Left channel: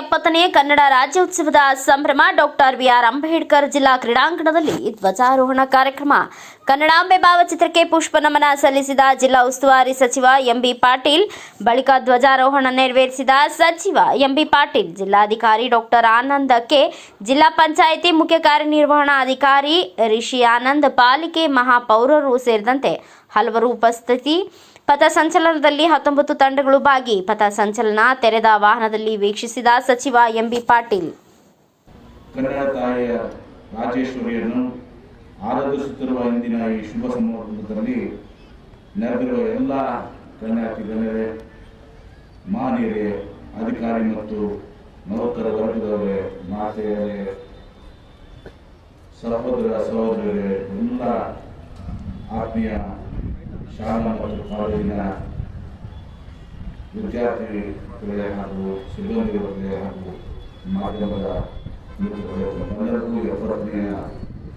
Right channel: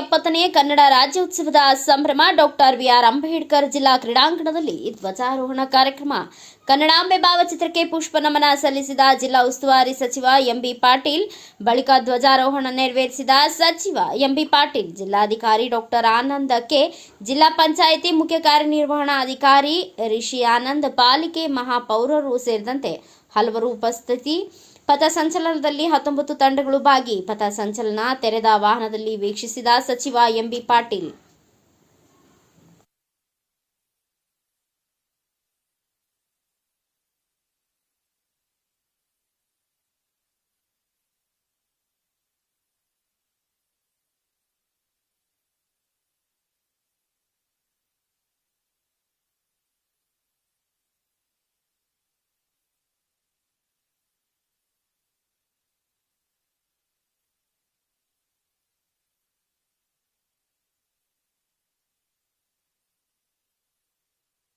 ಎಪ್ಪತ್ತನೇ ಕನ್ನಡ ರಾಜ್ಯೋತ್ಸವದ ಸಂಭ್ರಮ ಡಾಕ್ಟರ್ ಬಿಆರ್ ಅಂಬೇಡ್ಕರ್ ಜಿಲ್ಲಾ ಕ್ರೀಡಾಂಗಣದಲ್ಲಿ ಧ್ವಜಾರೋಹಣ ಕಾರ್ಯಕ್ರಮ. ಕನ್ನಡಾಂಬೆ ಭಾವಚಿತ್ರಕ್ಕೆ ಪುಷ್ಪ ನಮನ ಸಲ್ಲಿಸಿದ ಜಿಲ್ಲಾ ಉಸ್ತುವಾರಿ ಸಚಿವ ಎಂಬಿ ಪಾಟೀಲ್, ಬಳಿಕ ಧ್ವಜಾರೋಹಣ ನೆರವೇರಿಸಿದ ಸಚಿವ ಎಂಬಿ ಪಾಟೀಲ್, ಜಿಲ್ಲಾಧಿಕಾರಿ ಡಾಕ್ಟರ್ ಆನಂದ ಕೆ, ಜಿಲ್ಲಾ ಪಂಚಾಯಿತಿ ಮುಖ್ಯ ಕಾರ್ಯನಿರ್ವಹಣಾಧಿಕಾರಿ ರಿಷಿ ಆನಂದ್, ಪಾಲಿಕೆ ಮಹಾಪೌರರು ಸೇರಿದಂತೆ ಹಲವರು ಉಪಸ್ಥಿತಿ. ಪಥಸಂಚಲನದಲ್ಲಿ ಹತ್ತೊಂಬತ್ತು ತಂಡಗಳು ಭಾಗಿ. ಪಥಸಂಚಲನ ತೆರೆದ ವಾಹನದಲ್ಲಿ ವೀಕ್ಷಿಸಿದ ಸಚಿವ ಎಂಬಿ ಪಾಟೀಲ್. ತಾಯಿಯ ರಾಜೇಶ್ವರಿಯನ್ನು ಆರಾಧಿಸುತ್ತಿರುವ ಇಂದಿನ ಈ ಶುಭ ಸಂದರ್ಭದಲ್ಲಿ ನೆರೆದಿರುವ ಎಲ್ಲ ಕನ್ಯಾತಿ ಗಣ್ಯರೇ ಮಹನೀಯರೇ ಅಧಿಕಾರಿ ಮತ್ತು ನೌಕರ ವರ್ಗದವರೇ, ಮಾತೆಯರೇ, ಸಹೋದರ ಸಹೋದರರೇ ಎಲ್ಲ ಆತ್ಮೀಯ ಶಾಲಾ ಮತ್ತು ಕಾಲೇಜಿನ ವಿದ್ಯಾರ್ಥಿಗಳೇ ಹಾಗೂ ಸಿಬ್ಬಂದಿ ವರ್ಗಗಳೇ ಹಾಗೂ ಮಾಧ್ಯಮದ ತಮ್ಮೆಲ್ಲರಿಗೂ ಎಪ್ಪತ್ತನೆಯ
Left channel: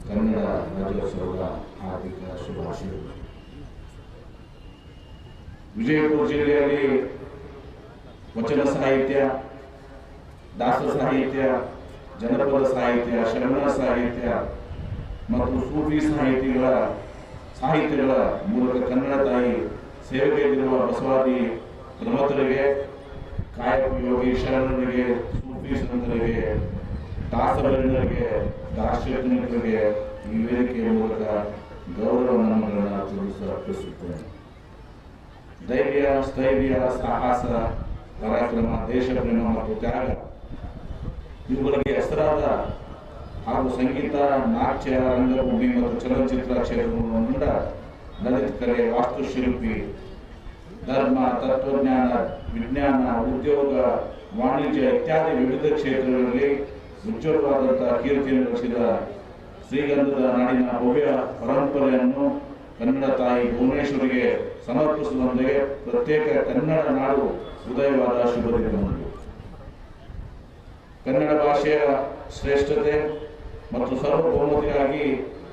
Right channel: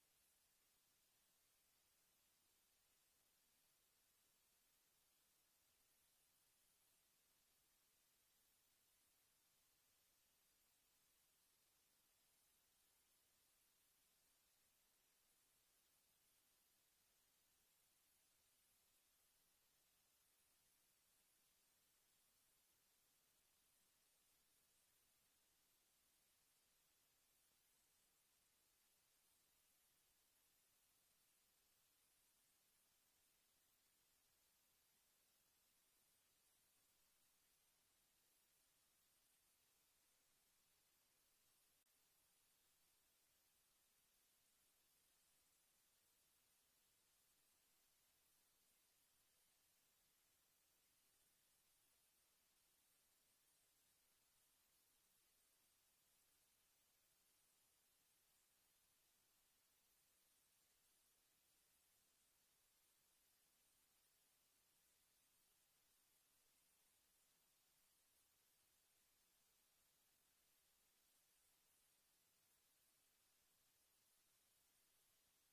ಕನ್ನಡ ರಾಜ್ಯೋತ್ಸವದ ಹಾರ್ದಿಕ ಶುಭಾಶಯಗಳು. ವಿಜಯಪುರ ಜಿಲ್ಲೆಯಲ್ಲಿ ವಚನ ಸಾಹಿತ್ಯ ದಾಸ ಸಾಹಿತ್ಯ, ಜನಪದ ಸಾಹಿತ್ಯ ಶರಣ ಸಾಹಿತ್ಯ ಮತ್ತು ಸೂಫಿ ಸಾಹಿತಿಗಳ ಸಾಹಿತ್ಯಗಳ ಮೂಲಕ ಕನ್ನಡ ತಾಯಿ ಸೇವೆಯಲ್ಲಿರುವ ಬಸವಾದಿ ಪ್ರಮಥರಿಗೆ ಕಾಯಕ ಯೋಗಿ ಶರಣರಿಗೆ, ಸೂಫಿ ಸಂತರಿಗೆ ದಾಸವರ್ಣರಿಗೆ ದಾರ್ಶನಿಕರಿಗೆ ಈ ವೇದಿಕೆಯ ಮೂಲಕ ಗೌರವ ನಮನಗಳನ್ನು ತಿಳಿಸ ಅರ್ಪಿಸುತ್ತೇನೆ. ಧೈರ್ಯ, ಸ್ಥೈರ್ಯ, ಸಾಹಸ, ಪರಾಕ್ರಮ, ದೇಶಪ್ರೇಮ ಮತ್ತು ತ್ಯಾಗ, ಇವುಗಳಿಗೆ ಹೆಸರಾದ ಹಾಗೂ ಸಂಗೀತ, ನಾಟ್ಯ, ರಂಗಭೂಮಿ ಮತ್ತು ಚಲನಚಿತ್ರ ಕ್ಷೇತ್ರವನ್ನು ದಲಿತ ಕಲೆ, ವಾಸ್ತುಶಿಲ್ಪಿ, ಧರ್ಮ, ತತ್ವಜ್ಞಾನ, ವಿಜ್ಞಾನ, ಉದ್ಯೋಗ, ವಾಣಿಜ್ಯ ಇತ್ಯಾದಿ ವಿವಿಧ ಕ್ಷೇತ್ರಗಳಲ್ಲಿ ಉಜ್ವಲವಾದಂತಹ ಕೀರ್ತಿಯನ್ನು ಗಳಿಸಿದ ಶ್ರೀಗಂಧದ ನಾಡಿನ ಭವ್ಯ ಪರಂಪರೆಯನ್ನು ಕನ್ನಡ ತಾಯಿ ಭುವನೇಶ್ವರಿಗೆ ಸಮರ್ಪಿಸುವಂತೆ ಪ್ರತ್ಯೇಕ ಕನ್ನಡ ನಾಡು ಉದಯವಾದ ಶುಭ ಕನ್ನಡ ಭಾಷೆಯ ಶ್ರೇಷ್ಠತೆ ಮತ್ತು ಸಾರ್ವಭೌಮತೆಗಾಗಿ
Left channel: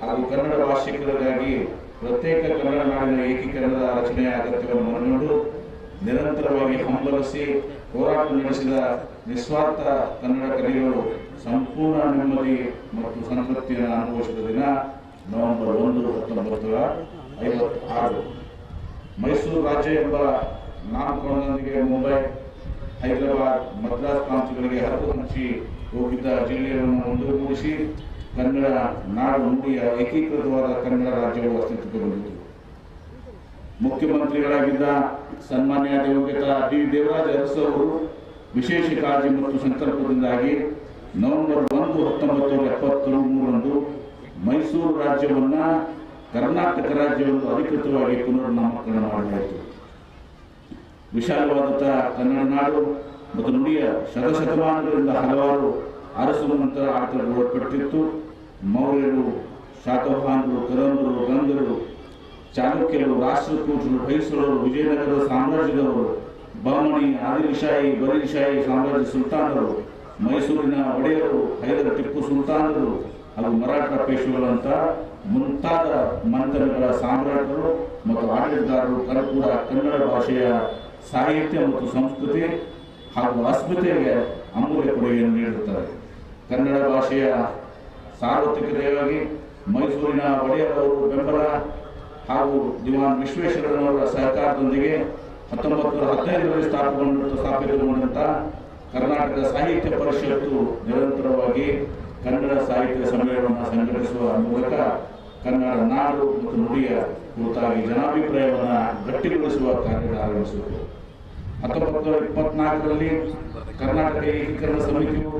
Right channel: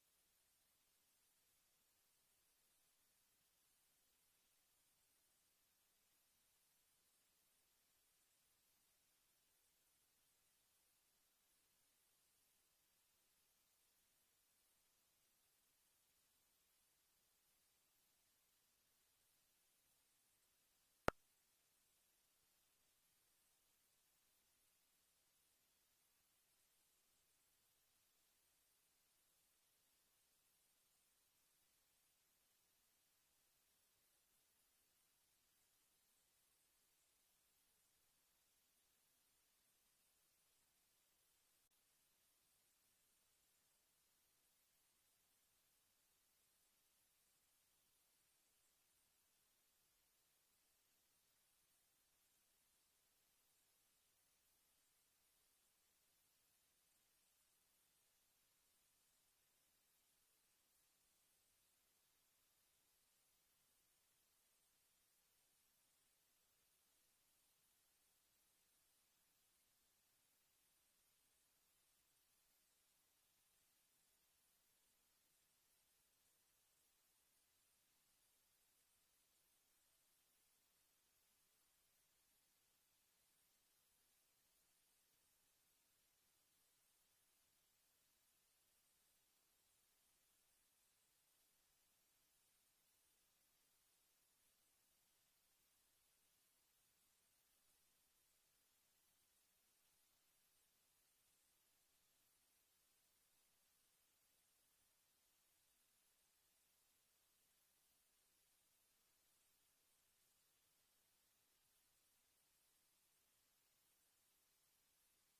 ಹಾಗೂ ಕನ್ನಡ ಭಾಷಿಕರಿಗಾಗಿ ಪ್ರತ್ಯೇಕ ಕನ್ನಡ ನಾಡಿನ ಏಕೀಕರಣದ ರಚನೆಯ ಅಗತ್ಯವನ್ನು ಮನಗಂಡು ನಿರಂತರವಾಗಿ ಹಂಬಲಿಸಿ ಹೋರಾಟ ನಡೆಸಿದ ನಿಸ್ವಾರ್ಥ ಕನ್ನಡ ಕಲಿಗಳು ಸಂಪೂರ್ಣ ನೆಮ್ಮದಿ ಮತ್ತು ಸಂತೃಪ್ತಿಯನ್ನು ಅನುಭವಿಸಿದ ದಿನ ನವೆಂಬರ್ ಒಂದು, ಹತ್ತೊಂಬತ್ತು ಐವತ್ತಾರು. ಮೈಸೂರು ರಾಜ್ಯ ಎಂಬ ನಾಮಕರಣದೊಂದಿಗೆ ಮುಂಬೈ ಹೈದರಾಬಾದ್ ಮದ್ರಾಸ್ ಪ್ರಾಂತ್ಯಗಳಿಗೆ ಹರದು ಹಂಚಿ ಹೋಗಿದ್ದ ಜಿಲ್ಲೆಯನ್ನು ಒಂದುಗೂಡಿಸಿ ಕನ್ನಡ ನಾಡು ನುಡಿಯ ಏಕೀಕೃತವಾದ ಕನ್ನಡ ರಾಜ್ಯವು ಅಸ್ತಿತ್ವಕ್ಕೆ ಬಂದಿತು. ಮುಖ್ಯಮಂತ್ರಿಗಳಾಗಿದ್ದ ಸನ್ಮಾನ್ಯ ದಿವಂಗತ ಡಿ ದೇವರಾಜ ಅರಸು ಅವರು ವಿಶೇಷ ಕಾಳಜಿ ಮತ್ತು ಸಂಕಲ್ಪದಿಂದಾಗಿ ನವೆಂಬರ್ ಒಂದು ಹತ್ತೊಂಬತ್ತು ನೂರ ಎಪ್ಪತ್ತ ಮೂರರಂದು ಮೈಸೂರು ರಾಜ್ಯವನ್ನು ಕರ್ನಾಟಕ ರಾಜ್ಯವನ್ನು ಅಧಿಕೃತವಾಗಿ ಪುನರ್ನಾಮಕರಣ ಮಾಡಲಾಯಿತು. ವಿಶಾಲವಾದಂತಹ ಕನ್ನಡ ನಾಡು ಮತ್ತು ನುಡಿಯ ಶತಶತಮಾನಗಳಿಂದ ಹಲವಾರು ಅರಸು ನಂತರ ಆಟಗಳು ಒಳಪಟ್ಟಿತ್ತು ಮೌರ್ಯರು, ಶಾತವಾಹನರು ಕರಂದರು ಗಂಗರು ಚಾಲುಕ್ಯರು ರಾಷ್ಟ್ರಕೂಟರು, ಹೊಯ್ಸಳರು ವಿಜಯನಗರ ಸಾಮ್ರಾಜ್ಯದವರು ಬಾಮಣಿ ಆದಿಲ್ಶಾಹಿ ಬರೀಶಾಹಿ ಸಾಮ್ರಾಜ್ಯ ಸುಲ್ತಾನರು, ಮೈಸೂರಿನ ಒಡೆಯರು, ಹೈದರ ಟಿಪ್ಪು ಸುಲ್ತಾನರು ಹಾಗೂ ಮರಾಠ ಪೇಶುಗಳಂತಹ ಮುಂತಾದ ಮಂತ್ರಗಳ ಸಾಮ್ರಾಟರು ಮತ್ತು ಆಡಳಿತಗಾರರು ಕೂಡ ಕನ್ನಡ ಭಾಷೆಯ ಸಾಹಿತ್ಯ ಮತ್ತು ಸಂಸ್ಕೃತಿ ಹಾಗೂ ಅಸ್ಮಿತೆಗೆ ಅಮೂಲ್ಯ ಕೊಡುಗೆಯನ್ನು ನೀಡುತ್ತಾರೆ. ಕನ್ನಡ ಭಾಷೆಯ ಸಾರ್ವತ್ರಿಕತೆಯಾಗಿ ಮೈಸೂರಿನ ಒಡೆಯರವರು ಬೆಂಬಲ ಹಾಗೂ ದಿವಾನ್ ವಿಶ್ವೇಶ್ವರನವರ ಸಹಕಾರದೊಂದಿಗೆ ಹತ್ತೊಂಬತ್ತು ನೂರ ಹದಿನೈದರಲ್ಲಿ ಸ್ಥಾಪಗೊಂಡ ಸ್ಥಾಪಿತಗೊಂಡಂಥ ಕರ್ನಾಟಕ ಸಾಹಿತ್ಯ ಪರಿಷತ್ತು ನಿರಂತರವಾಗಿ ಕನ್ನಡ ಸಾಹಿತ್ಯ ಸಮ್ಮೇಳನವನ್ನು ಸಂಘಟಿಸುವ ಮೂಲಕ ಕನ್ನಡ ನಾಡು ಮತ್ತು ನುಡಿಯ ಕುರಿತಾಗಿ ಜನಾಭಿಪ್ರಾಯವನ್ನು ಗಟ್ಟಿಗೊಳಿಸುವ ಕಾರ್ಯ ಆರಂಭಿಸಿದರು. ಹತ್ತೊಂಬತ್ತು ನೂರ ಇಪ್ಪತ್ನಾಲ್ಕರಲ್ಲಿ ಕರ್ನಾಟಕ ಏಕೀಕರಣ ಸಮಿತಿಯು